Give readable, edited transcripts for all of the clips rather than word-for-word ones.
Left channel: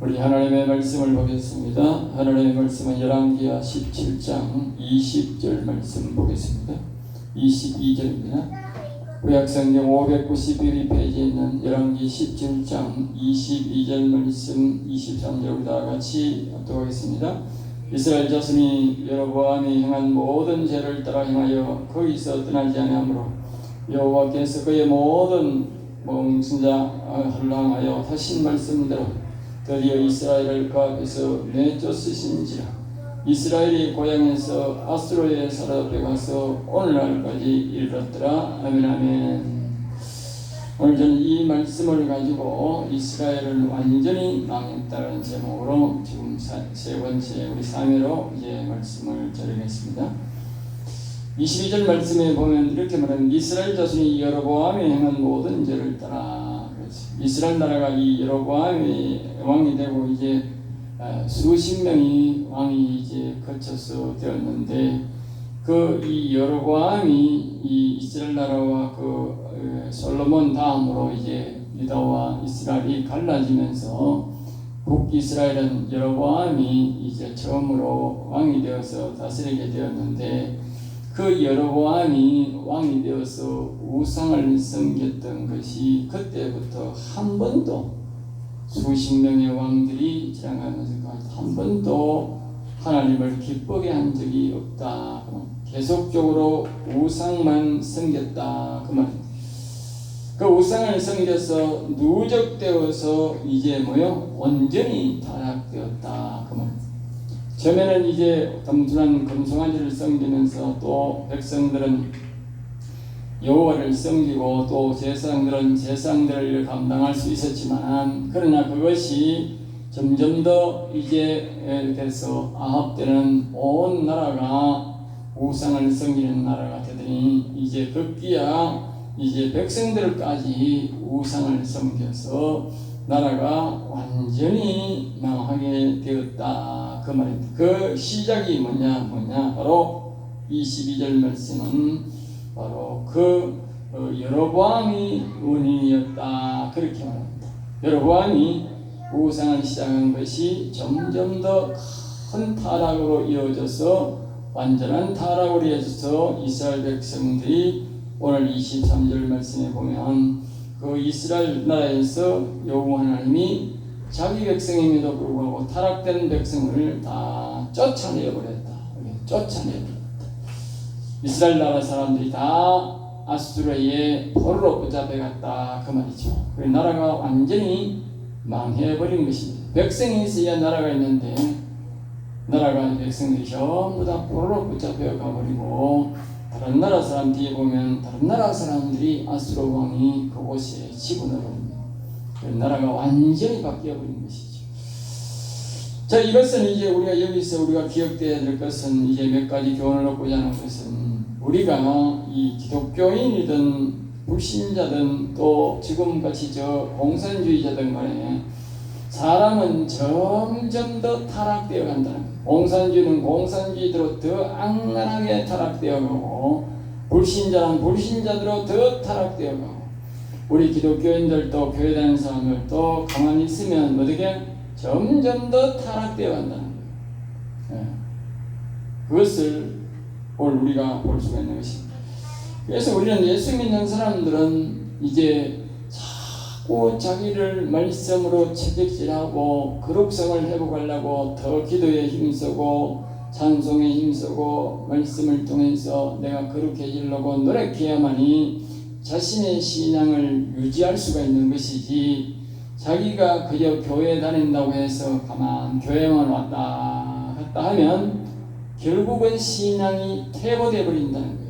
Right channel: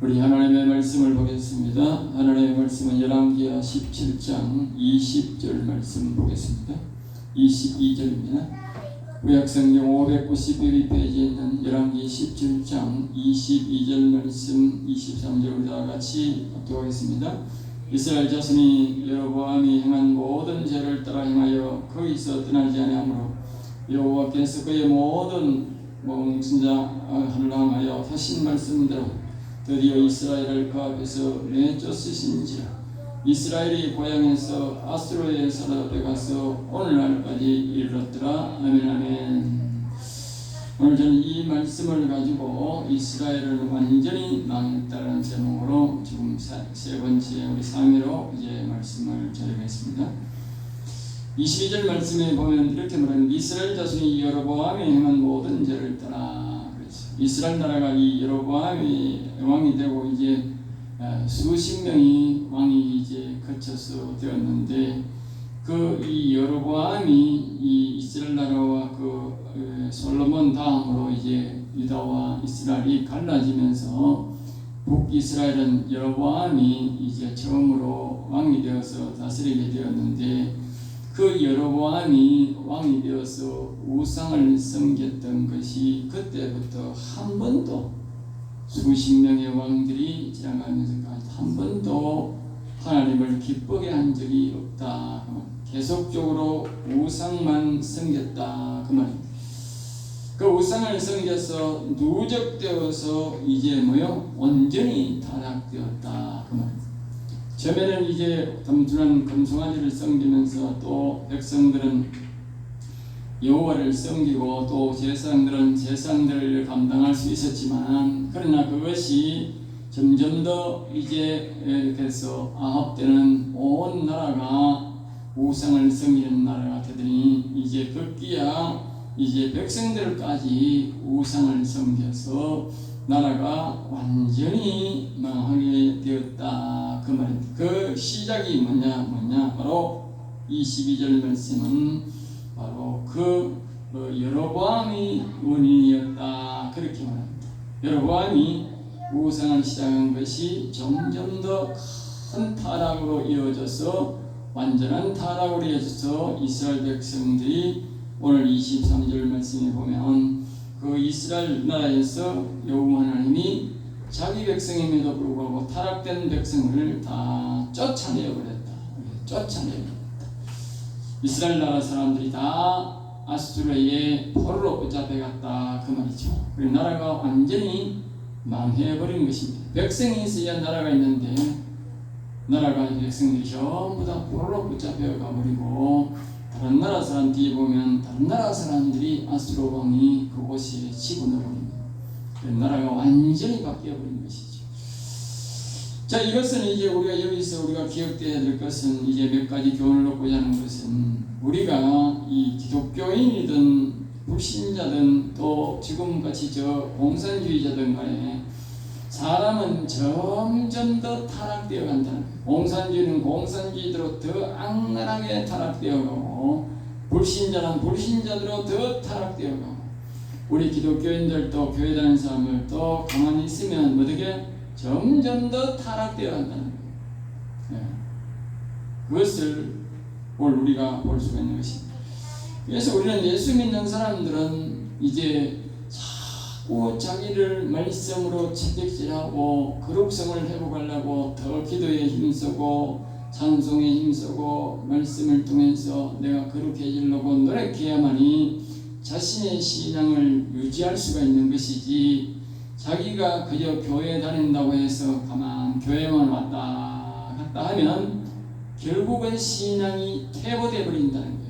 우리 하나님의 말씀을 보겠습니다. 하나님의 말씀은 열왕기하 17장 20절 말씀 보겠습니다. 22절입니다. 구약성경 591페이지에 있는 열왕기 17장 22절 말씀 23절보다 같이 읽도록 하겠습니다. 이스라엘 자손이 여로보암이 행한 모든 죄를 따라 행하여 거기서 떠나지 아니하므로 여호와께서 그의 모든 몽신자를 향하여 하신 말씀대로 드디어 이스라엘을 그 앞에서 내쫓으신지라. 이스라엘이 고향에서 아수르의 사로에 가서 오늘날까지 이르렀더라. 아멘. 아멘. 오늘 저는 이 말씀을 가지고 이스라엘은 완전히 망했다는 제목으로 지금 세 번째 우리 3회로 이제 말씀을 드리겠습니다. 22절 말씀에 보면 이렇게 말합니다. 이스라엘 자손이 여로보암이 행한 모든 죄를 따라. 이스라엘 나라가 이 여로보암이 왕이 되고 이제 수십 명이 왕이 이제 거쳐서 되었는데 그 이 여로보암이 이 이스라엘 나라와 그 솔로몬 다음으로 이제 유다와 이스라엘이 갈라지면서 북이스라엘은 여로보암이 이제 처음으로 왕이 되어서 다스리게 되었는데 그 여로보암이 왕이 되어서 우상을 섬겼던 것이 그때부터 한 번도 수십 명의 왕들이 지나가면서 한 번도 하나님을 기쁘게 한 적이 없다. 계속적으로 우상만 섬겼다. 그 말입니다. 그 우상을 섬겨서 누적되어서 이제 온전히 타락되었다. 그 말입니다. 처음에는 이제 단순한 금송아지를 섬기면서 또 백성들은 여호와를 섬기고 또 제사장들은 제사들을 감당할 수 있었지만 그러나 그것이 점점 더 이제 돼서 아합 때는 온 나라가 우상을 섬기는 나라가 되더니 이제 급기야 이제 백성들까지 우상을 섬겨서 나라가 완전히 망하게 되었다. 그 말입니다. 그 시작이 뭐냐 바로 22절 말씀은 바로 그 여로보암이 원인이었다. 그렇게 말합니다. 여로보암이 우상을 시작한 것이 점점 더 큰 타락으로 이어져서 완전한 타락으로 이어져서 이스라엘 백성들이 오늘 23절 말씀에 보면 그 이스라엘 나라에서 여호와 하나님이 자기 백성임에도 불구하고 타락된 백성을 다 쫓아내버렸다. 이스라엘 나라 사람들이 다 아수르의 포로로 붙잡혀갔다. 그 말이죠. 그 나라가 완전히 망해버린 것입니다. 백성이 있어야 나라가 있는데 나라가 백성들이 전부 다 포로로 붙잡혀 가버리고 다른 나라 사람 뒤에 보면 다른 나라 사람들이 아수르 왕이 그곳에 지분을 합니다. 나라가 완전히 바뀌어버린 것이죠. 자, 이것은 이제 우리가 여기서 우리가 기억돼야 될 것은 이제 몇 가지 교훈을 얻고자 하는 것은 우리가 이 기독교인이든 불신자든 또 지금같이 저 공산주의자든 간에 사람은 점점 더 타락되어 간다는 거예요. 공산주의는 공산주의대로 더 악랄하게 타락되어 가고 불신자는 불신자대로 더 타락되어 가고 우리 기독교인들도 교회 다니는 사람들도 가만히 있으면 어떻게 점점 더 타락되어 간다는 거예요. 그것을 오늘 우리가 볼 수가 있는 것입니다. 그래서 우리는 예수 믿는 사람들은 이제 자꾸 자기를 말씀으로 채찍질하고 거룩성을 회복하려고 더 기도에 힘쓰고 찬송에 힘쓰고 말씀을 통해서 내가 거룩해지려고 노력해야만이 자신의 신앙을 유지할 수가 있는 것이지 자기가 그저 교회에 다닌다고 해서 가만 교회만 왔다 갔다 하면 결국은 신앙이 퇴보되어 버린다는 거예요.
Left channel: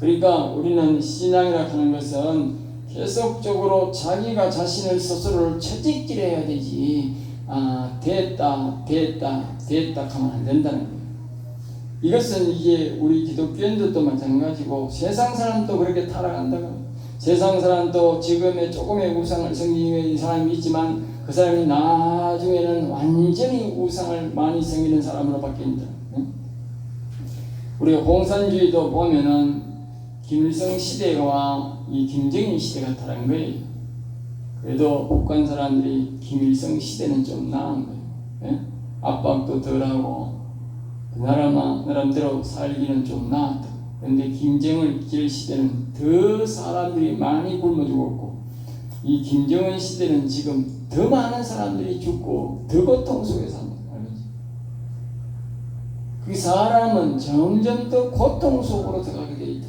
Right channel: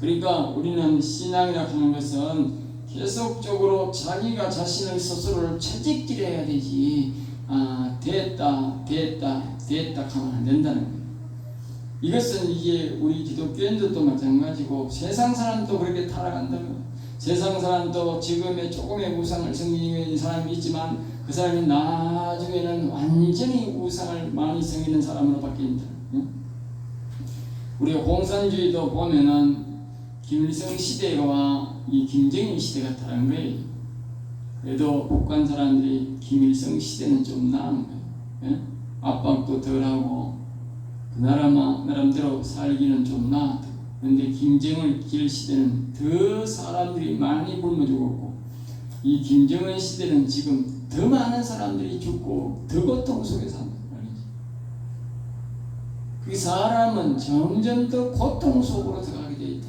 그러니까 우리는 신앙이라 하는 것은 계속적으로 자기가 자신을 스스로를 채찍질해야 되지 됐다 하면 안 된다는 거예요. 이것은 이제 우리 기독교인들도 마찬가지고 세상 사람도 그렇게 타락한다는 거예요. 세상 사람도 지금의 조금의 우상을 섬기는 사람이 있지만 그 사람이 나중에는 완전히 우상을 많이 섬기는 사람으로 바뀐다. 우리 공산주의도 보면은 김일성 시대와 이 김정일 시대가 다른 거예요. 그래도 북한 사람들이 김일성 시대는 좀 나은 거예요. 예? 압박도 덜하고 그 나름대로 살기는 좀 나았다. 그런데 김정은 길 시대는 더 사람들이 많이 굶어 죽었고, 이 김정은 시대는 지금 더 많은 사람들이 죽고 더 고통 속에 산다. 그 사람은 점점 더 고통 속으로 들어가게 돼 있다.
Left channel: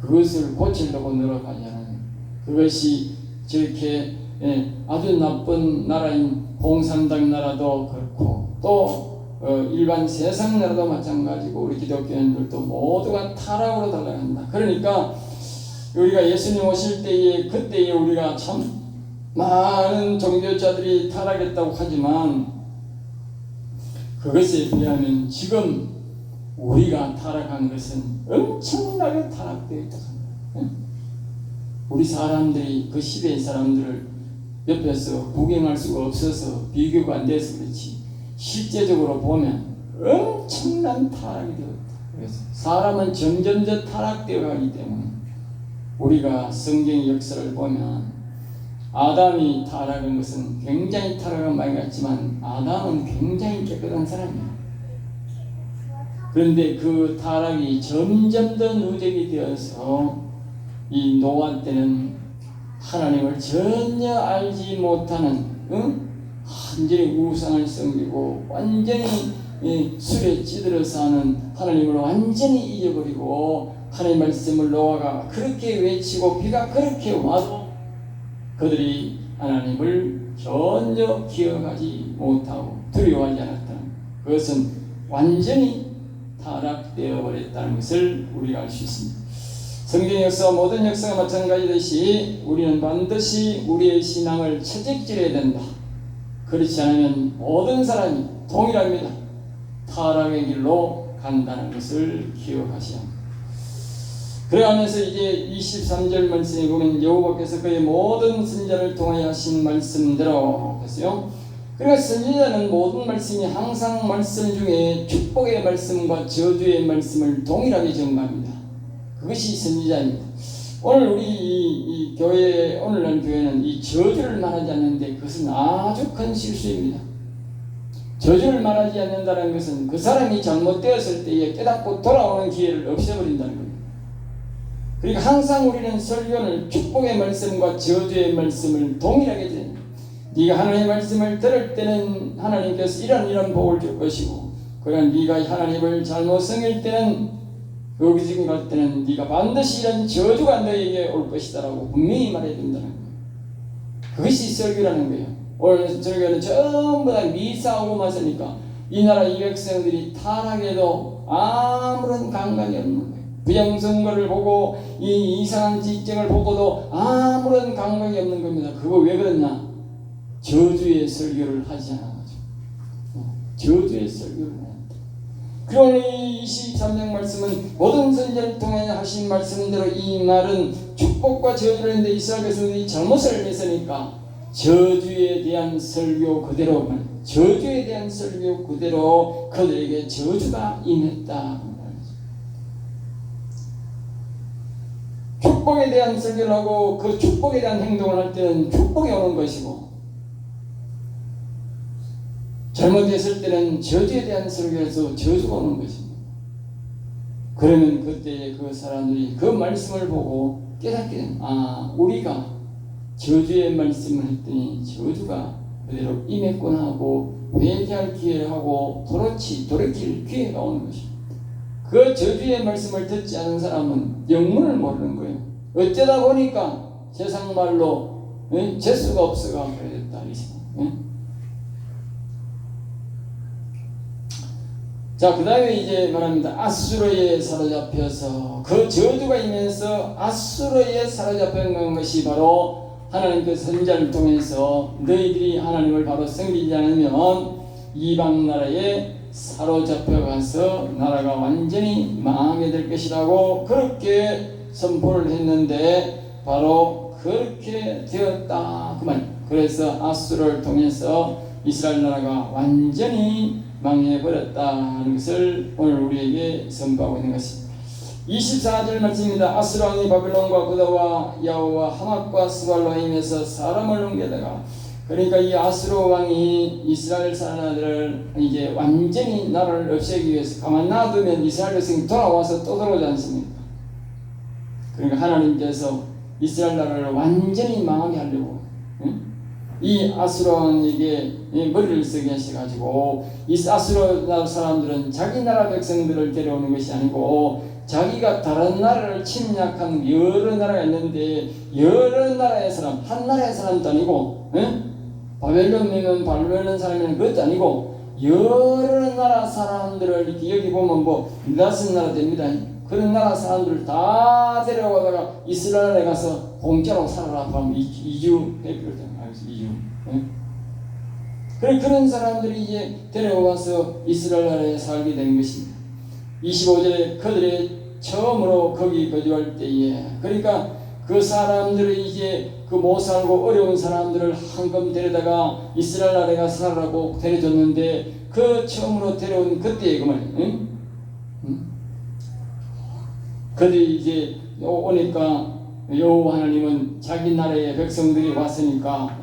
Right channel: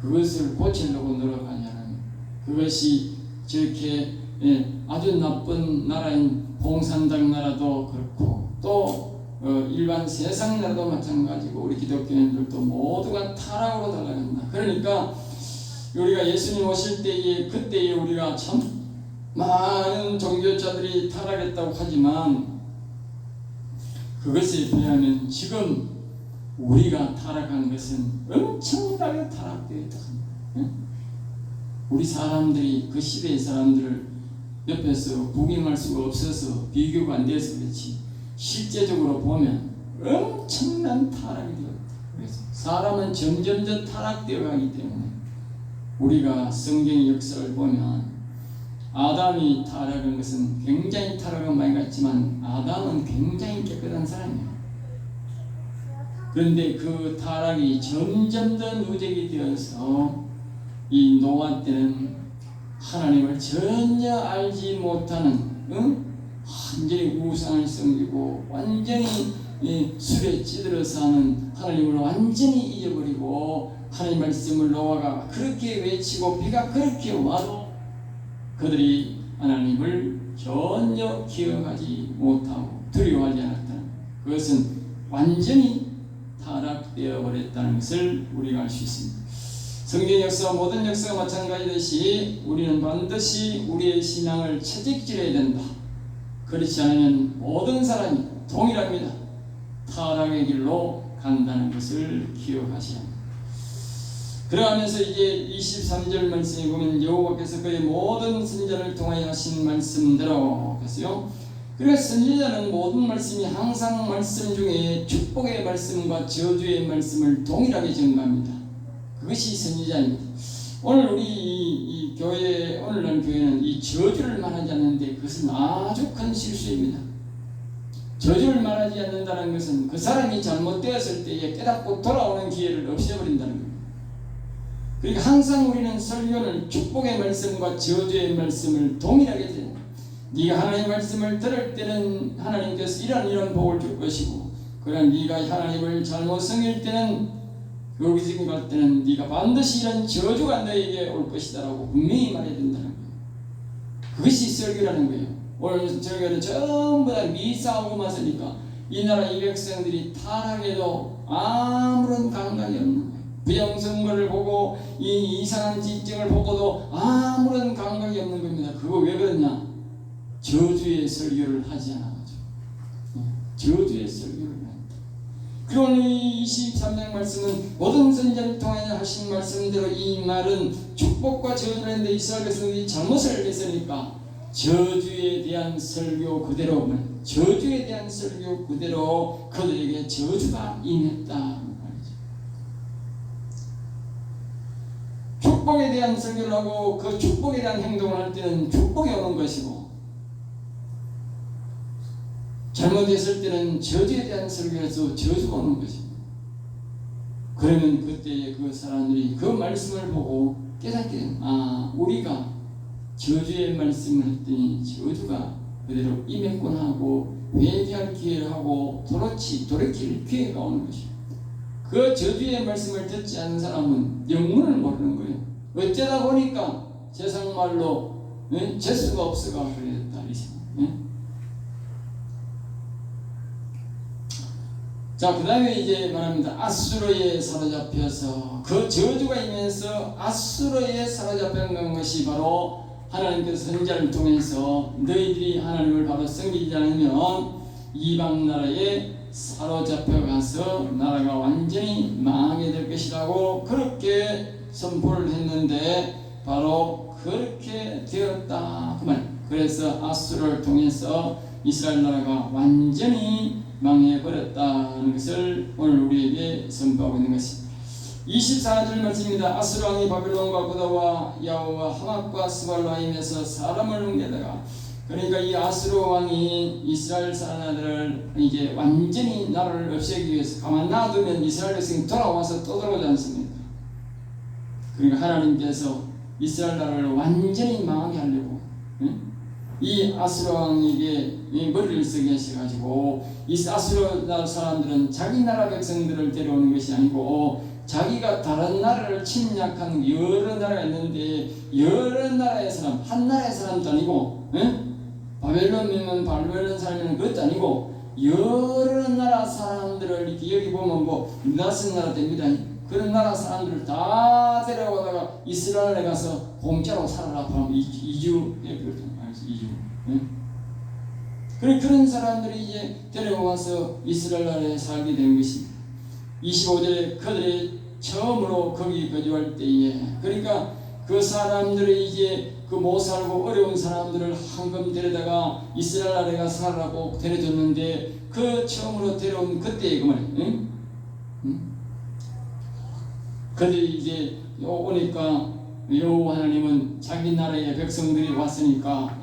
그것을 고치려고 노력하지 않아요. 그것이 저렇게 아주 나쁜 나라인 공산당 나라도 그렇고 또 일반 세상 나라도 마찬가지고 우리 기독교인들도 모두가 타락으로 달아간다. 그러니까 우리가 예수님 오실 때에 그때에 우리가 참 많은 종교자들이 타락했다고 하지만 그것에 비하면 지금 우리가 타락한 것은 엄청나게 타락되어 있다. 우리 사람들이 그 시대의 사람들을 옆에서 구경할 수가 없어서 비교가 안 돼서 그렇지 실제적으로 보면 엄청난 타락이 되었다. 그래서 사람은 점점 더 타락되어 가기 때문에 우리가 성경의 역사를 보면 아담이 타락한 것은 굉장히 타락한 많이 같지만 아담은 굉장히 깨끗한 사람이에요. 그런데 그 타락이 점점 더 누적이 되어서 이 노아 때는 하나님을 전혀 알지 못하는 완전히 우상을 섬기고 완전히 술에 찌들어서 하는 하나님을 완전히 잊어버리고 하나님 말씀을 노아가 그렇게 외치고 비가 그렇게 와도 그들이 하나님을 전혀 기억하지 못하고 두려워하지 않았다. 그것은 완전히 타락되어 버렸다는 것을 우리가 알 수 있습니다. 성경 역사 모든 역사가 마찬가지듯이 우리는 반드시 우리의 신앙을 채찍질해야 된다. 그렇지 않으면 모든 사람이 동일합니다. 타락의 길로 간다는 것을 기억하셔야 합니다. 그러면서 이제 23절 말씀에 보면 여호와께서 그의 모든 선지자를 통하여 하신 말씀대로 했어요. 그러니까 선지자는 모든 말씀이 항상 말씀 중에 축복의 말씀과 저주의 말씀을 동일하게 전가합니다. 그것이 선지자입니다. 오늘 우리 이 교회 오늘날 교회는 이 저주를 말하지 않는데 그것은 아주 큰 실수입니다. 저주를 말하지 않는다는 것은 그 사람이 잘못되었을 때에 깨닫고 돌아오는 기회를 없애버린다는 겁니다. 그러니까 항상 우리는 설교는 축복의 말씀과 저주의 말씀을 동일하게 전합니다. 네가 하나님의 말씀을 들을 때는 하나님께서 이런 복을 줄 것이고, 그러나 네가 하나님을 잘못 섬길 때는 여기 지금 갈 때는 네가 반드시 이런 저주가 너에게 올 것이다라고 분명히 말해야 된다는 거예요. 그것이 설교라는 거예요. 오늘 설교는 전부 다 미사오고 마으니까 이 나라 이 백성들이 타락해도 아무런 감각이 없는 거예요. 부정선거를 보고 이 이상한 지정을 보고도 아무런 감각이 없는 겁니다. 그거 왜 그랬나? 저주의 설교를 하지 않아가지고. 저주의 설교를 한다. 그러니 23장 말씀은 모든 선지자를 통해 하신 말씀대로 이 말은 축복과 저주를 했는데 이스라엘 백성들이 잘못을 했으니까 저주에 대한 설교 그대로 그들에게 저주가 임했다. 축복에 대한 설교를 하고 그 축복에 대한 행동을 할 때는 축복이 오는 것이고, 잘못했을 때는 저주에 대한 설교에서 저주가 오는 것입니다. 그러면 그때 그 사람들이 그 말씀을 보고 깨닫게 됩니다. 우리가 저주의 말씀을 했더니 저주가 그대로 임했구나 하고 회개할 기회를 하고 돌이킬 기회가 오는 것입니다. 그 저주의 말씀을 듣지 않은 사람은 영문을 모르는 거예요. 어쩌다 보니까 세상 말로 재수가 없어가 그랬다. 자, 그 다음에 이제 말합니다. 아수르에 사로잡혀서 그 저주가 임해서 아수르에 사로잡힌 것이 바로 하나님께서 선지자를 통해서 너희들이 하나님을 바로 섬기지 않으면 이방 나라에 사로잡혀가서 나라가 완전히 망하게 될 것이라고 그렇게 선포를 했는데 바로 그렇게 되었다 그 말. 그래서 아수르를 통해서 이스라엘 나라가 완전히 망해버렸다는 것을 오늘 우리에게 선포하고 있는 것입니다. 24절 말씀입니다. 아수르 왕이 바벨론과 구다와 야오와 하맛과 스발라임에서 사람을 옮겨다가, 그러니까 이 아수르 왕이 이스라엘 사람들을 이제 완전히 나라를 없애기 위해서 가만 놔두면 이스라엘 백성이 돌아와서 또 들어오지 않습니까? 그러니까 하나님께서 이스라엘 나라를 완전히 망하게 하려고 이 아수르 왕에게 머리를 쓰게 하셔가지고, 이 아수르 나라 사람들은 자기 나라 백성들을 데려오는 것이 아니고 자기가 다른 나라를 침략한 여러 나라가 있는데 여러 나라의 사람, 한 나라의 사람도 아니고 바벨론이면 바벨론 사람이면 그것도 아니고 여러 나라 사람들을 이렇게 여기 보면 뭐 4나라 됩니다. 그런 나라 사람들을 다 데려오다가 이스라엘에 가서 공짜로 살아라 하면 이주해버렸던 거예요. 이주. 그런 사람들이 이제 데려와서 이스라엘에 살게 된 것입니다. 25절에 그들이 처음으로 거기 거주할 때에, 그러니까 그 사람들이 이제 그 못 살고 어려운 사람들을 한금 데려다가 이스라엘 나라에 가서 살라고 데려줬는데, 그 처음으로 데려온 그때의 그 말이에요. 그들이 이제 오니까 여호와 하나님은 자기 나라의 백성들이 왔으니까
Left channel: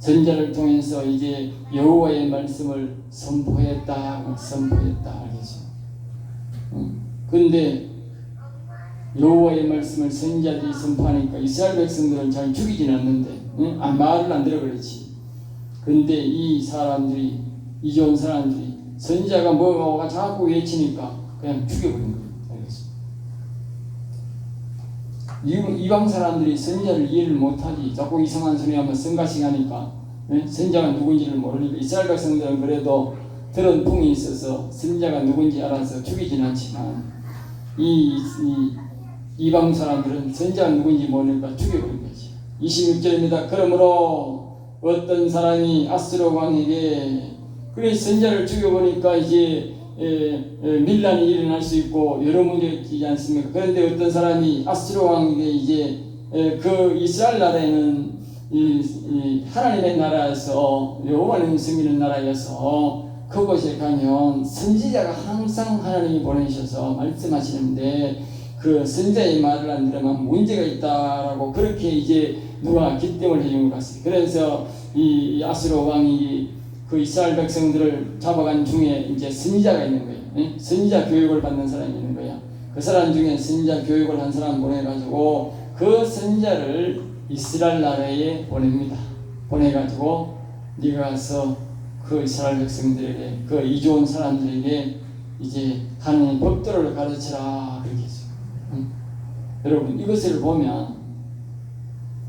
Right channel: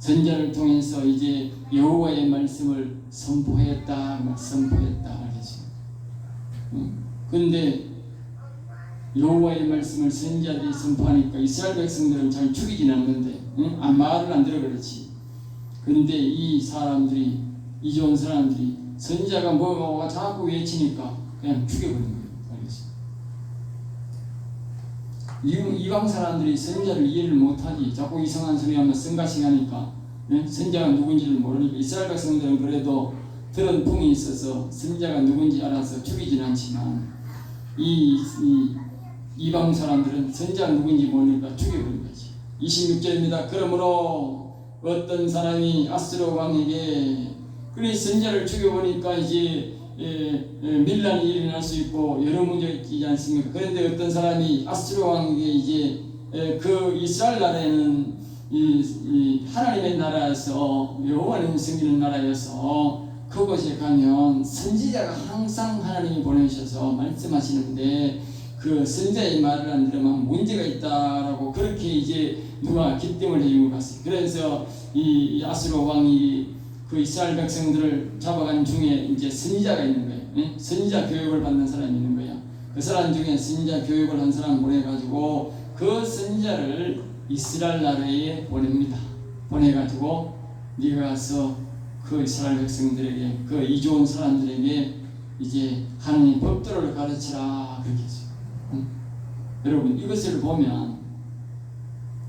선자를 통해서 이제 여호와의 말씀을 선포했다. 그런데 여호와의 말씀을 선지자들이 선포하니까 이스라엘 백성들은 잘 죽이진 않는데 말을 안 들어 그렇지. 그런데 이 사람들이, 이 좋은 사람들이 선지자가 뭐가 자꾸 외치니까 그냥 죽여버리는 거예요. 이방 사람들이 선지자를 이해를 못하지. 자꾸 이상한 소리 하면 성가시게 하니까 선지자가 누군지를 모르니까, 이스라엘 백성들은 그래도 들은 풍이 있어서 선지자가 누군지 알아서 죽이진 않지만 이방 사람들은 선지자가 누군지 모르니까 죽여버린 거지. 26절입니다. 그러므로 어떤 사람이 아수르 왕에게, 그래 선지자를 죽여버리니까 이제 밀란이 일어날 수 있고 여러 문제가 있지 않습니까? 그런데 어떤 사람이 아수르 왕에게 이제 그 이스라엘 나라에는 이 하나님의 나라에서 여호와는 섬기는 나라여서 그곳에 가면 선지자가 항상 하나님이 보내셔서 말씀하시는데 그 선지자의 말을 안 들으면 문제가 있다라고 그렇게 이제 누가 기등을 해준 것 같습니다. 그래서 이 아수르 왕이 그 이스라엘 백성들을 잡아간 중에 이제 선지자가 있는 거예요. 선지자 교육을 받는 사람이 있는 거야. 그 사람 중에 선지자 교육을 한 사람 보내가지고 그 선지자를 이스라엘 나라에 보냅니다. 보내가지고 네가 가서 그 이스라엘 백성들에게, 그 이좋은 사람들에게 이제 하나님 법도를 가르치라 그렇게 했어요. 여러분 이것을 보면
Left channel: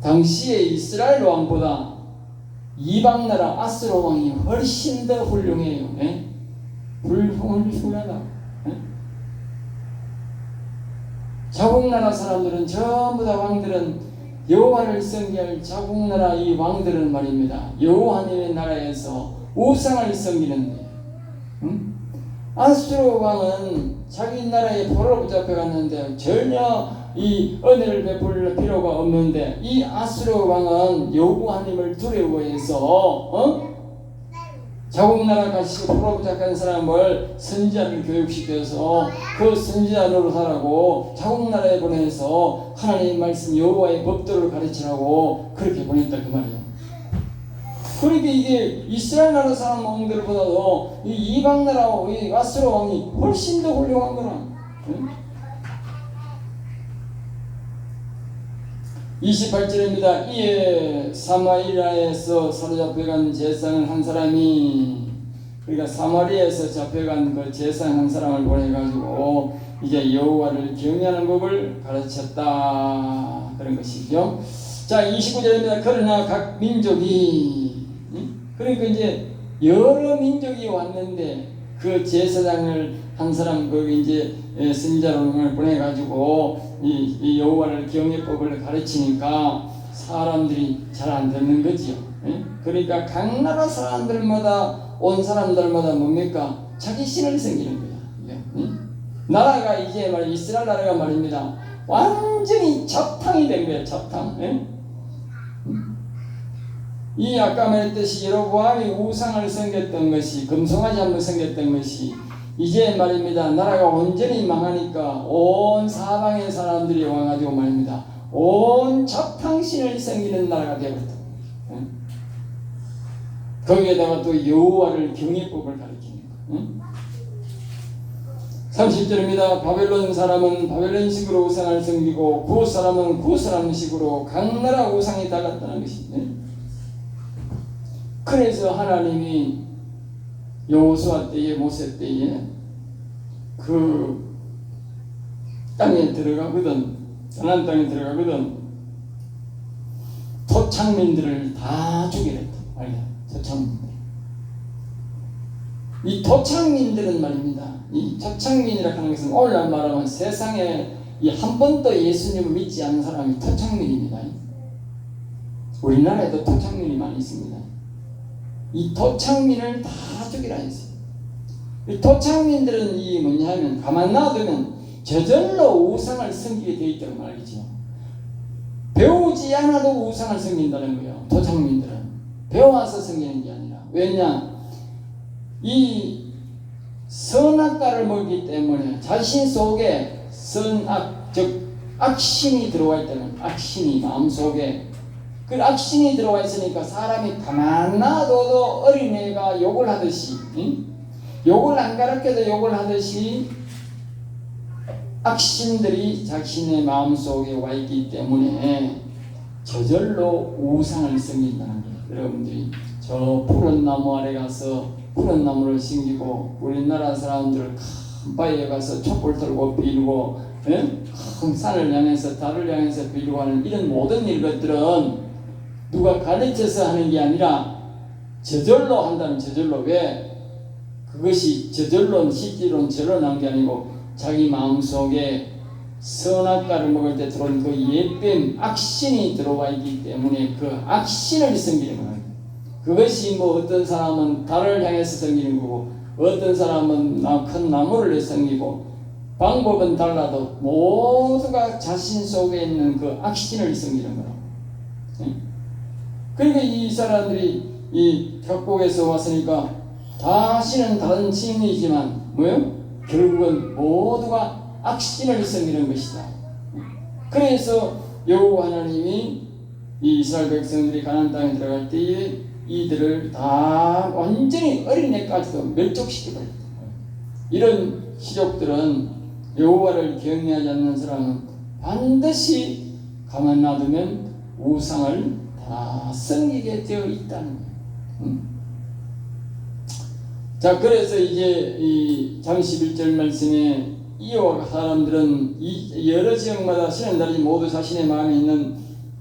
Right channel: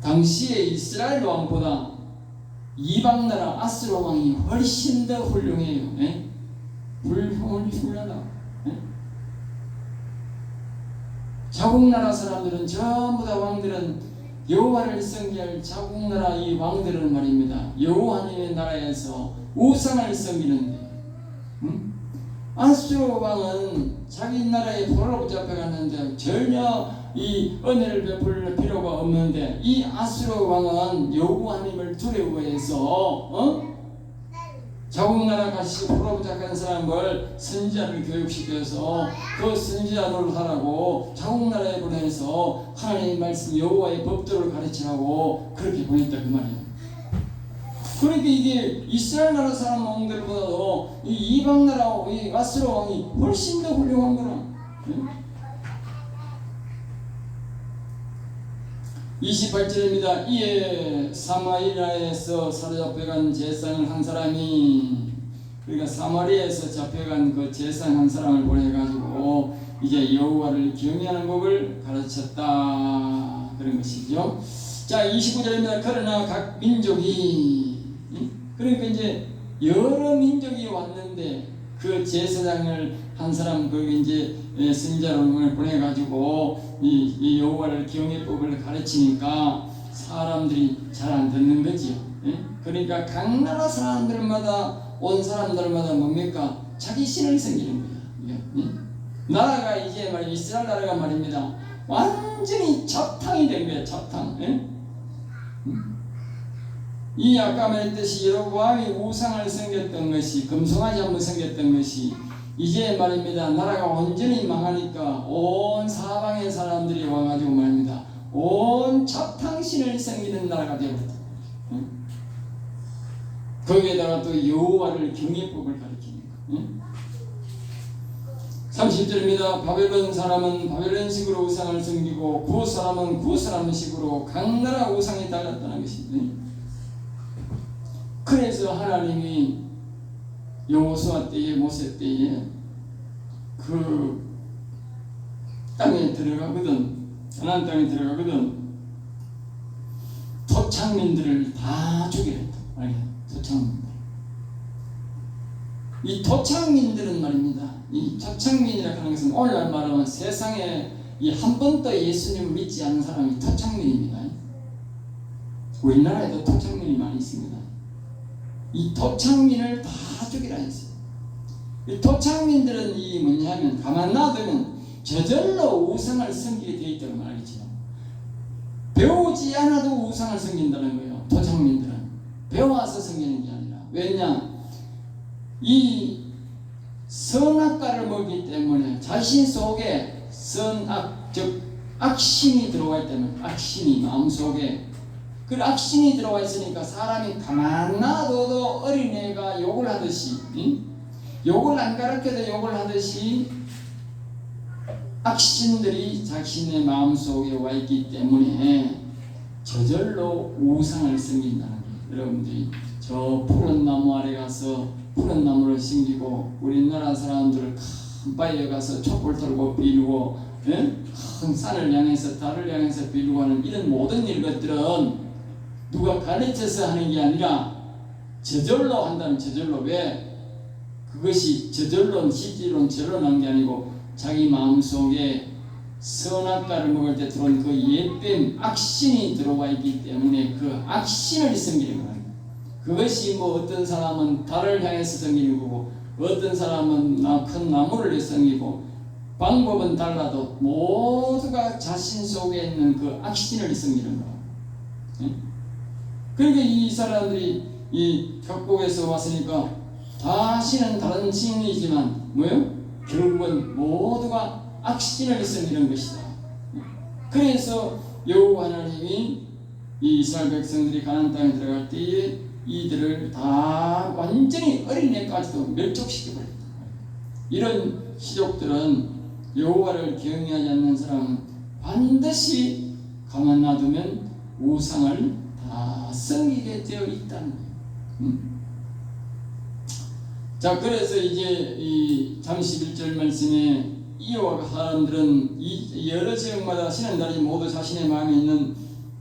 당시에 이스라엘 왕보다 이방 나라 아수르 왕이 훨씬 더 훌륭해요. 훌륭하다. 자국 나라 사람들은 전부 다 왕들은 여호와를 섬길 자국 나라 이 왕들은 말입니다. 여호와님의 나라에서 우상을 섬기는데, 아수르 왕은 자기 나라에 포로로 잡혀갔는데 전혀 이 은혜를 베풀 필요가 없는데, 이 아수르 왕은 여호와님을 두려워해서 자국 나라 가서 포로로 잡혀간 사람을 선지자를 교육시켜서 그 선지자 노릇하라고 자국 나라에 보내서 하나님의 말씀 여호와의 법도를 가르치라고 그렇게 보냈다 그 말이에요. 그러니까 이게 이스라엘 나라 사람 왕들보다도 이 이방 나라 이 아수르 왕이 훨씬 더 훌륭한 거라. 28절입니다. 이에 사마리아에서 사로잡혀간 제사장 한 사람이, 그러니까 사마리아에서 잡혀간 그 제사장 한 사람을 보내가지고 이제 여호와를 경외하는 법을 가르쳤다 그런 것이죠. 자 29절입니다. 그러나 각 민족이, 그러니까 이제 여러 민족이 왔는데 그 제사장을 한 사람 그 이제 선지자를 보내가지고 이 여호와를 경외법을 가르치니까 사람들이 잘 안 듣는 거지요. 그러니까 각 나라 사람들마다 온 사람들마다 뭡니까? 자기 신을 섬기는 거야. 나라가 이제 말 이스라엘 나라가 말입니다. 완전히 잡탕이 된 거야. 잡탕. 이 아까 말했듯이 여로보암이 우상을 섬겼던 것이, 금송아지 한번 섬겼던 것이 이제 말입니다. 나라가 온전히 망하니까 온 사방의 사람들이 와가지고 말입니다. 온 잡탕신을 섬기는 나라가 되었다. 거기에다가 또 여호와를 경외법을 가르치는 거. 30절입니다. 바벨론 사람은 바벨론식으로 우상을 섬기고 구 사람은 구 사람식으로 각 나라 우상에 따랐다는 것입니다. 그래서 하나님이 여호수아 때에 모세 때에 그 땅에 들어가거든, 가나안 땅에 들어가거든, 토착민들을 다 죽이랬다. 토착민들. 이 토착민들은 말입니다. 이 토착민이라고 하는 것은 오늘날 말하면 세상에 이 한 번도 예수님을 믿지 않는 사람이 토착민입니다. 우리나라에도 토착민이 많이 있습니다. 이 토착민을 다 죽이라 했어요. 이 토착민들은 이 뭐냐면 가만 놔두면 저절로 우상을 섬기게 되어 있다고 말이죠. 배우지 않아도 우상을 섬긴다는 거예요. 토착민들은 배워와서 섬기는 게 아니라. 왜냐? 이 선악과를 먹기 때문에 자신 속에 선악, 즉 악신이 들어와 있다는, 악신이 마음속에 그 악신이 들어와 있으니까 사람이 가만 놔둬도 어린애가 욕을 하듯이, 욕을 안 가르쳐도 욕을 하듯이 악신들이 자신의 마음속에 와 있기 때문에 저절로 우상을 섬긴다는 거예요. 여러분들이 저 푸른 나무 아래 가서 푸른 나무를 섬기고, 우리나라 사람들 큰 바위에 가서 촛불 들고 빌고, 큰 산을 향해서 달을 향해서 빌고 하는 이런 모든 일것들은 누가 가르쳐서 하는 게 아니라 저절로 한다는, 저절로. 왜? 그것이 저절로 실제로는 저절로 난 게 아니고 자기 마음속에 선악과를 먹을 때 들어온 그 옛뱀 악신이 들어와 있기 때문에 그 악신을 섬기는 거예요. 그것이 뭐 어떤 사람은 달을 향해서 섬기는 거고 어떤 사람은 큰 나무를 섬기고 방법은 달라도 모두가 자신 속에 있는 그 악신을 섬기는 거예요. 그러니까 이 사람들이 이 각국에서 왔으니까 다시는 다른 신이지만 뭐요? 결국은 모두가 악신을 섬기는 것이다. 그래서 여호와 하나님이 이 이스라엘 백성들이 가나안 땅에 들어갈 때에 이들을 다 완전히 어린애까지도 멸족시켜버렸다. 이런 시족들은 여호와를 경외하지 않는 사람은 반드시 가만 놔두면 우상을 다 섬기게 되어 있다는 거예요. 자, 그래서 이제 이 31절 말씀에 이와 사람들은 이 여러 지역마다 쉬는 날이 모두 자신의 마음에 있는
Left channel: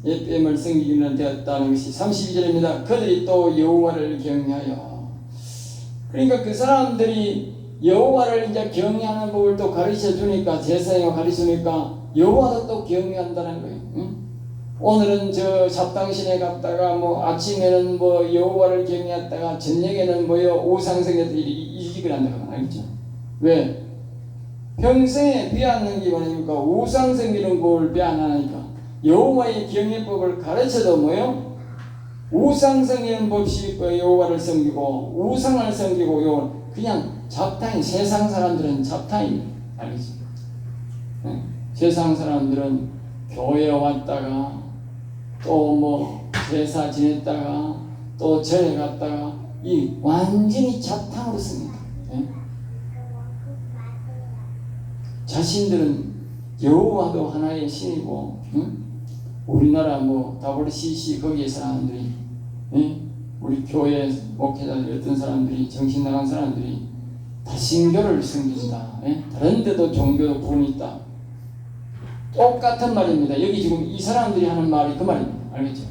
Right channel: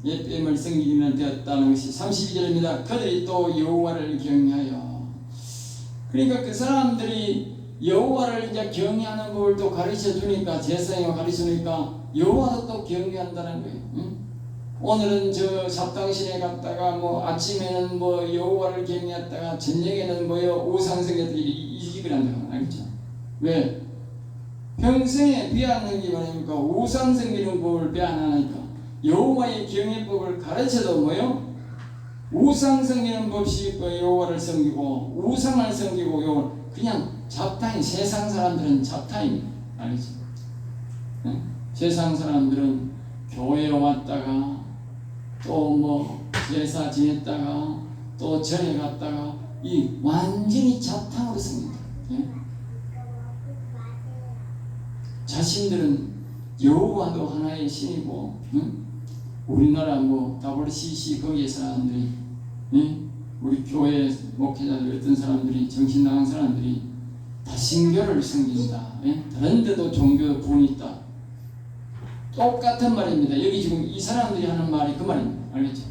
옛뱀을 섬기기는 되었다는 것이 32절입니다. 그들이 또 여호와를 경외하여. 그러니까 그 사람들이 여호와를 이제 경외하는 법을 또 가르쳐 주니까, 제사장이 가르치니까 여호와도 또 경외한다는 거예요. 오늘은 저 잡당신에 갔다가 뭐 아침에는 뭐 여호와를 경외했다가 저녁에는 뭐요 우상숭배들이 이직을 한다고 알죠? 왜? 평생에 배웠는 게 뭐냐니까 우상 섬기는 법을 배워나니까 여호와의 경외법을 가르쳐도 뭐요? 우상 섬기는 법이 있고 여호와를 섬기고 우상을 섬기고 그냥 잡탕이, 세상 사람들은 잡탕입니다. 알겠죠? 네? 세상 사람들은 교회에 왔다가 또 뭐 제사 지냈다가 또 절에 갔다가 이 완전히 잡탕으로 씁니다. 네? 자신들은 여호와도 하나의 신이고, 우리나라 뭐 WCC 거기에 사람들이, 우리 교회 목회자들 어떤 사람들이, 정신 나간 사람들이 다신교를 섬긴다. 다른 데도 종교 구분이 있다. 똑같은 말입니다. 여기 지금 이 사람들이 하는 말이 그 말입니다. 알겠죠?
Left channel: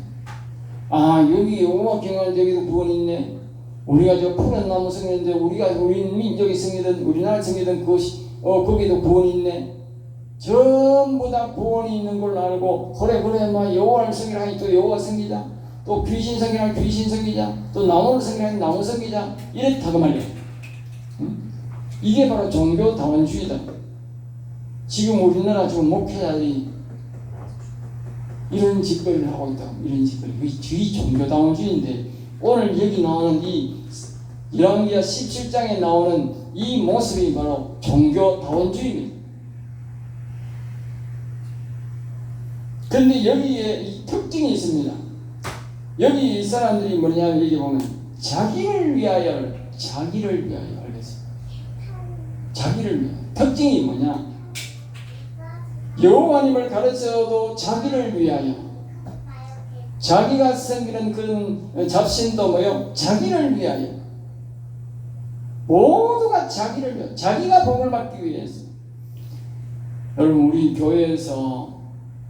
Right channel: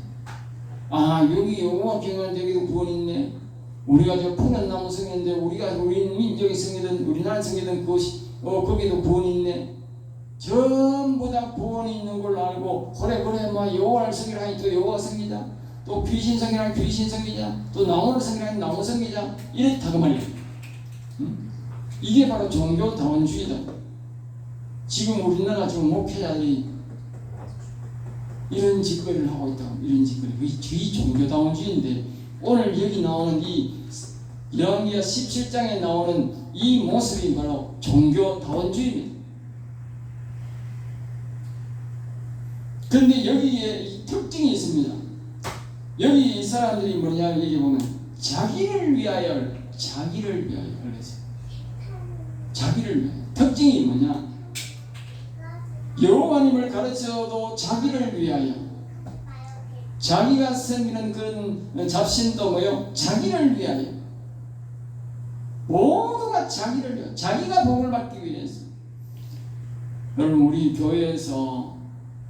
아, 여기 여호와 경외하는 여기도 구원이 있네. 우리가 저 푸른 나무 섬기는데 우리 민족이 섬기던, 우리나라 섬기던 그것이 거기도 구원이 있네. 전부 다 구원이 있는 걸로 알고, 그래 막 여호와를 섬기라 하니 또 여호와 섬기자, 또 귀신 섬기라 하니 귀신 섬기자, 또 나무를 섬기라 하니 나무 섬기자, 이렇다 그 말이에요. 이게 바로 종교 다원주의다. 지금 우리나라 지금 목회자들이 이런 짓거리를 하고 있다. 이런 짓거리. 그게 종교다원주의인데, 오늘 여기 나오는 이 열왕기하 17장에 나오는 이 모습이 바로 종교다원주의입니다. 그런데 여기에 이 특징이 있습니다. 여기 이 사람들이 뭐냐면 여기 보면 자기를 위하여 알겠어요. 자기를 위하여. 특징이 뭐냐? 여호와님을 가르쳐도 자기를 위하여. 자기가 섬기는 그 잡신도 뭐요? 자기를 위하여. 모두가 자기를 위하여. 자기가 복을 받기 위해서. 여러분 우리 교회에서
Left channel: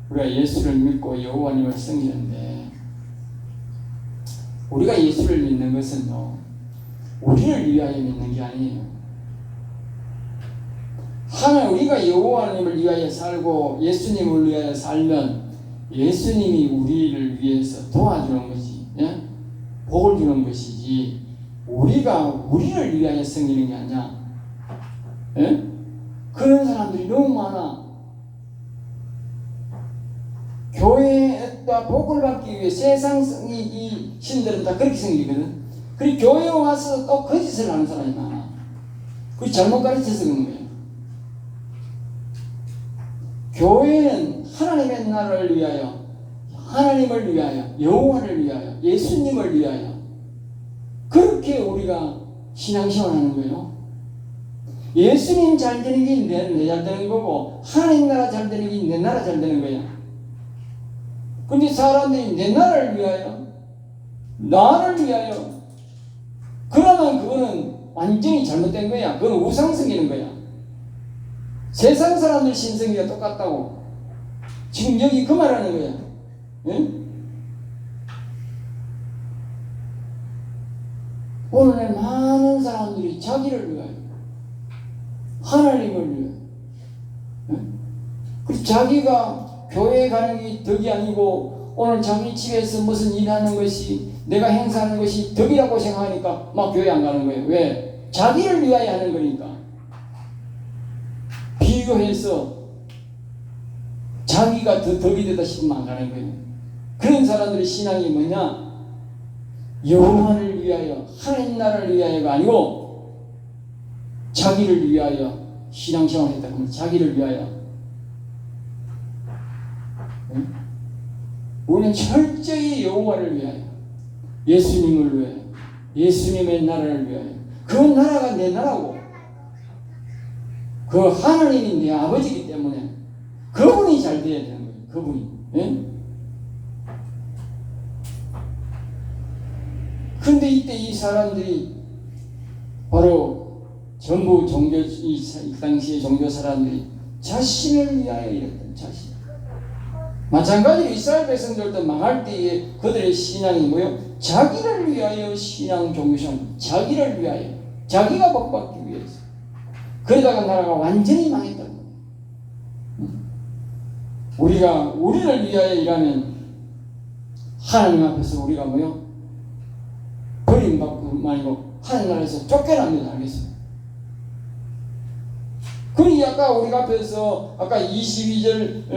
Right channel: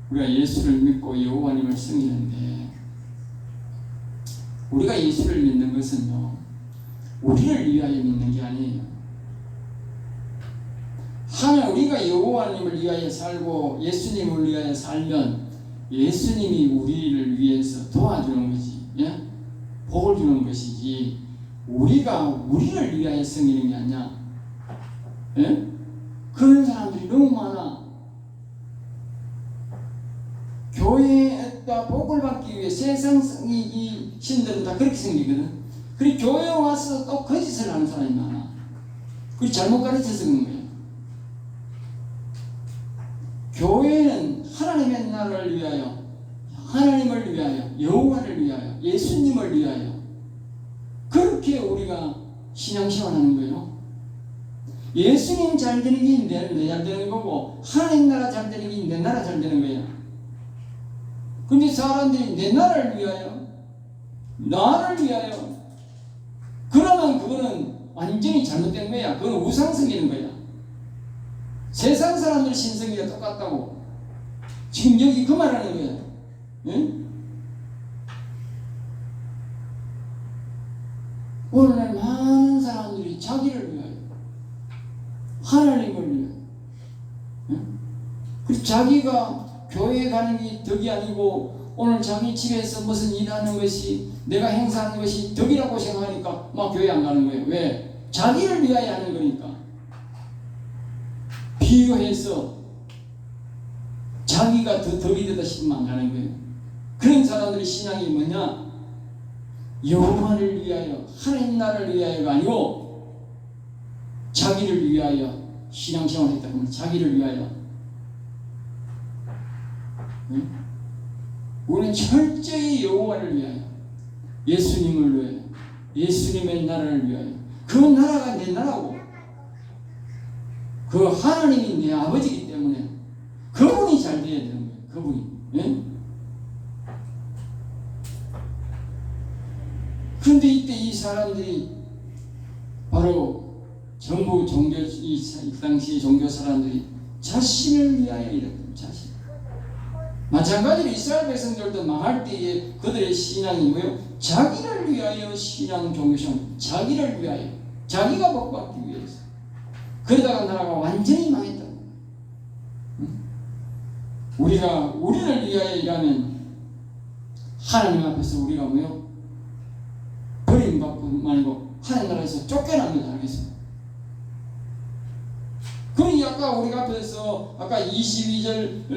우리가 예수를 믿고 여호와님을 섬기는데 우리가 예수를 믿는 것은 우리를 위하여 믿는 게 아니에요. 하나님 우리가 여호와님을 위하여 살고 예수님을 위하여 살면 예수님이 우리를 위해서 도와주는 것이 복을 주는 것이지 우리가 우리를 위하여 섬기는 게 아니야. 그런 사람들이 너무 많아. 교회에다 복을 받기 위해 세상이 이 신들은 다 그렇게 생기거든. 그리고 교회에 와서 또 거짓을 하는 사람이 많아. 그리고 잘못 가르쳐서 그런 거예요. 교회는 하나님의 나라를 위하여, 하나님을 위하여, 여호와를 위하여, 예수님을 위하여 그렇게 우리가 신앙생활하는 거예요. 예수님 잘 되는 게 내 잘 되는 거고 하나님 나라 잘 되는 게 내 나라 잘 되는 거예요. 근데 사람들이 내 나라를 위하여, 나를 위하여 그러면 그거는 완전히 잘못된 거야. 그건 우상 섬기는 거야. 세상 사람들 신성기가 똑같다고. 지금 여기 그 말하는 거야. 예? 오늘 많은 사람들이 자기를 위하여, 하나님을 위하여, 예? 그 자기가 교회에 가는 게 덕이 아니고 오늘 자기 집에서 무슨 일하는 것이 내가 행사하는 것이 덕이라고 생각하니까 막 교회 안 가는 거예요. 왜? 자기를 위하여 하는 거니까. 비교해서 자기가 더 덕이 되다 싶으면 안 가는 거예요. 그런 사람들의 신앙이 뭐냐? 여호와를 위하여, 하나님 나라를 위하여가 아니고 자기를 위하여 신앙생활을 했다. 자기를 위하여. 응? 우리는 철저히 여호와를 위하여, 예수님을 위하여, 예수님의 나라를 위하여. 그 나라가 내 나라고 그 하나님이 내 아버지이기 때문에 그분이 잘 돼야 되는 거예요. 그분이. 예? 근데 이때 이 사람들이 바로 전부 종교, 이 당시의 종교 사람들이 자신을 위하여 이랬던 자신. 마찬가지로 이스라엘 백성들도 망할 때에 그들의 신앙이 뭐요? 자기를 위하여 신앙 종교생활, 자기를 위하여, 자기가 복받기 위해서. 그러다가 나라가 완전히 망했다. 우리가 우리를 위하여 일하면 하나님 앞에서 우리가 뭐요? 버림받고 아니고 하나님 나라에서 쫓겨납니다. 알겠어요? 그러니 아까 우리가 앞에서 아까 22절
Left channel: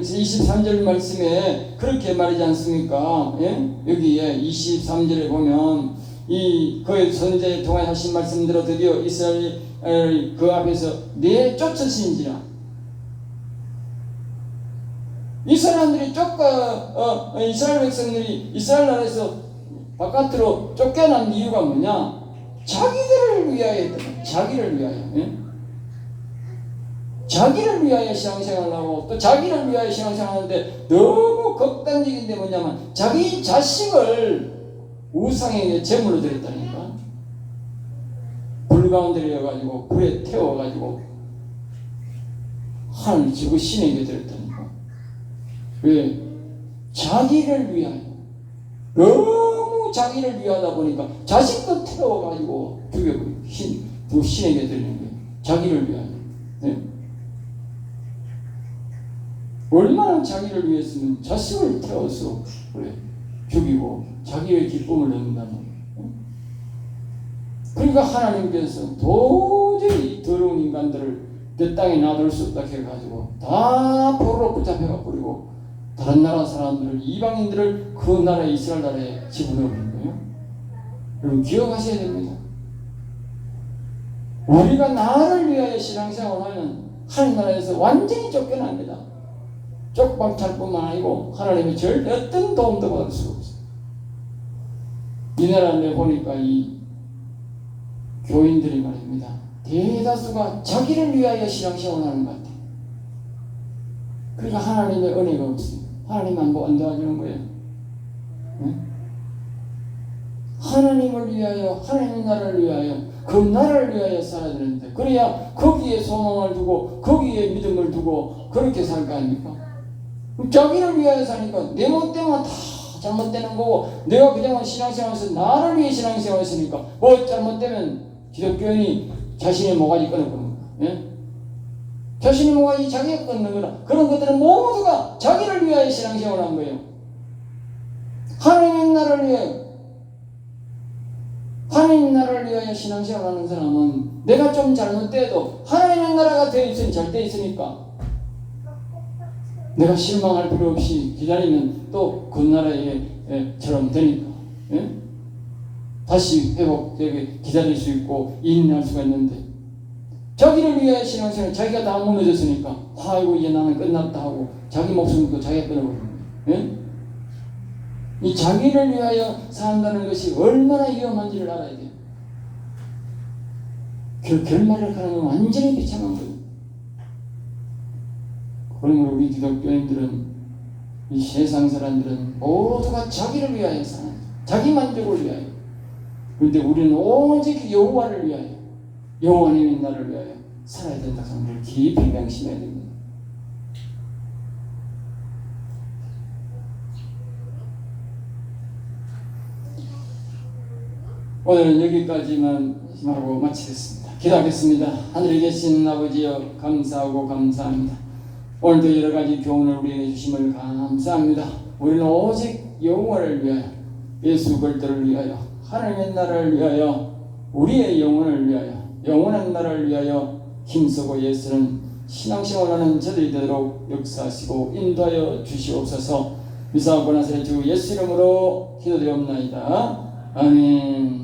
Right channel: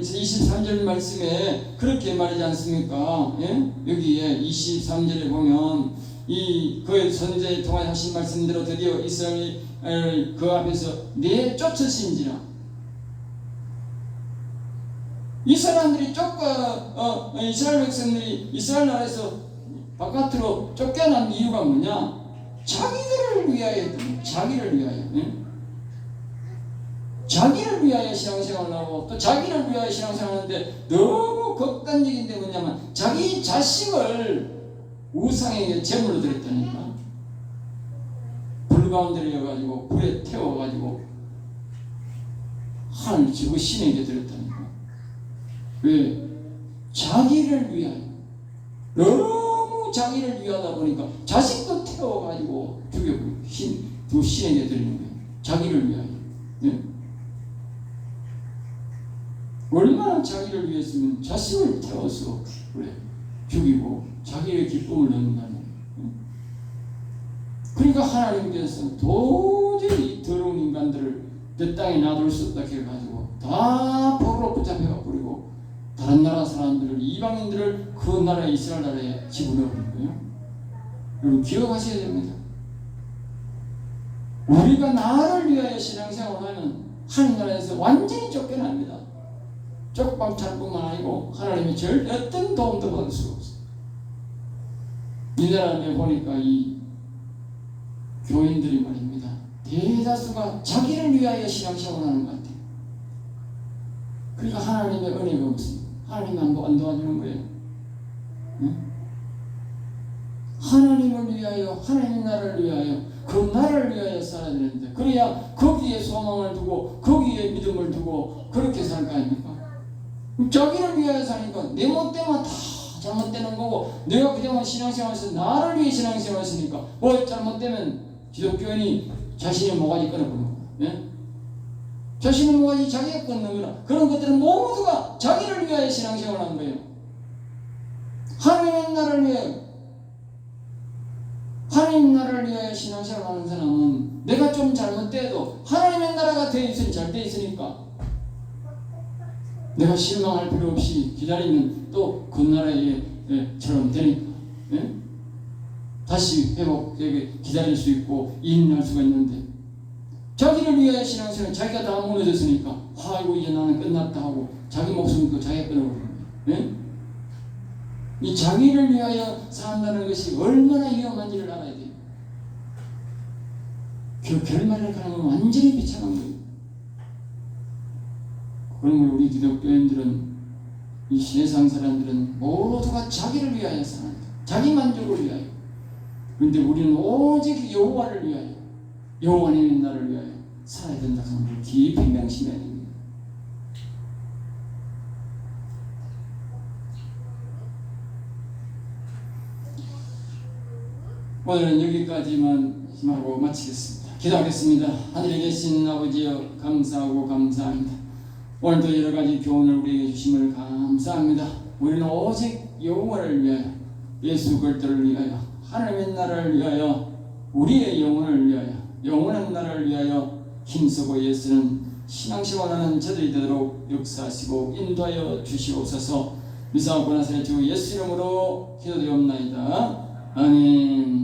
23절 말씀에 그렇게 말하지 않습니까? 예? 여기에 23절에 보면 이 그의 선지자의 통해 하신 말씀대로 드디어 이스라엘 그 앞에서 내 쫓으신지라. 이 사람들이 이스라엘 백성들이 이스라엘 나라에서 바깥으로 쫓겨난 이유가 뭐냐? 자기들을 위하여 했던, 자기를 위하여. 예? 자기를 위하여 신앙생활을 하고 또 자기를 위하여 신앙생활하는데 너무 극단적인데 뭐냐면 자기 자식을 우상에게 제물로 드렸다니까. 불 가운데 내어가지고 불에 태워가지고 하늘 저 신에게 드렸다니까. 왜? 자기를 위하여. 너무 자기를 위하다 보니까 자식도 태워가지고 죽여버리고 그 신에게 드리는 거예요. 자기를 위하여. 네? 얼마나 자기를 위해서는 자식을 태워서 그래 죽이고 자기의 기쁨을 얻는다는 거예요. 그러니까 하나님께서 도저히 더러운 인간들을 내 땅에 놔둘 수 없다 해가지고 다 포로로 붙잡혀가 버리고 다른 나라 사람들을 이방인들을 그 나라 이스라엘 나라에 집어넣어버린 거예요. 여러분 기억하셔야 됩니다. 우리가 나를 위하여 신앙생활을 하면 하늘나라에서 완전히 쫓겨납니다. 쪽박찰 뿐만 아니고 하나님의 절대 어떤 도움도 받을 수가 없어요. 이 나라에 보니까 이 교인들이 말입니다. 대다수가 자기를 위하여 신앙생활을 하는 것 같아요. 그러니까 하나님의 은혜가 없습니다. 하나님 안 도와주는 거예요. 응? 하나님을 위하여, 하나님 나라를 위하여, 그 나라를 위하여 살아야 되는데, 그래야 거기에 소망을 두고 거기에 믿음을 두고 그렇게 살 거 아닙니까? 자기를 위하여 사니까 내 멋대로만 다 잘못되는 거고, 내가 그냥 신앙생활에서 나를 위해 신앙생활을 했으니까 뭐 잘못되면 기독교인이 자신의 모가지 끊어버리는 거야. 예? 자신의 모가지 자기가 끊는 거라. 그런 것들은 모두가 자기를 위하여 신앙생활을 한 거예요. 하나님 나라를 위하여, 하나님 나라를 위하여 신앙생활을 하는 사람은 내가 좀 잘못돼도 하나님의 나라가 되어 있으니 잘 되어 있으니까 내가 실망할 필요 없이 기다리면 또 그 나라에처럼 되니까, 예? 다시 회복되게 기다릴 수 있고 인내할 수가 있는데, 자기를 위하여 신앙생활 자기가 다 무너졌으니까 아이고 이제 나는 끝났다 하고 자기 목숨도 자기가 끊어버립니다. 예? 이 자기를 위하여 산다는 것이 얼마나 위험한지를 알아야 돼요. 결말을 가면 완전히 비참한 거예요. 그러면 우리 기독교인들은, 이 세상 사람들은 모두가 자기를 위하여 사는, 자기 만족을 위하여. 그런데 우리는 오직 여호와를 위하여, 여호와님의 나라를 위하여 살아야 된다고 하는 깊이 명심해야 됩니다. 오늘은 여기까지만 하고 마치겠습니다. 기도하겠습니다. 하늘에 계신 아버지여, 감사하고 감사합니다. 오늘도 여러 가지 교훈을 우리에게 주심을 감사합니다. 우리는 오직 여호와를 위하여, 예수 그리스도를 위하여, 하나님의 나라를 위하여, 우리의 영혼을 위하여, 영원한 나라를 위하여 힘쓰고 예수는 신앙생활하는 저들이 되도록 역사하시고 인도하여 주시옵소서. 미사하고 나서 주 예수 이름으로 기도되옵나이다. 아멘.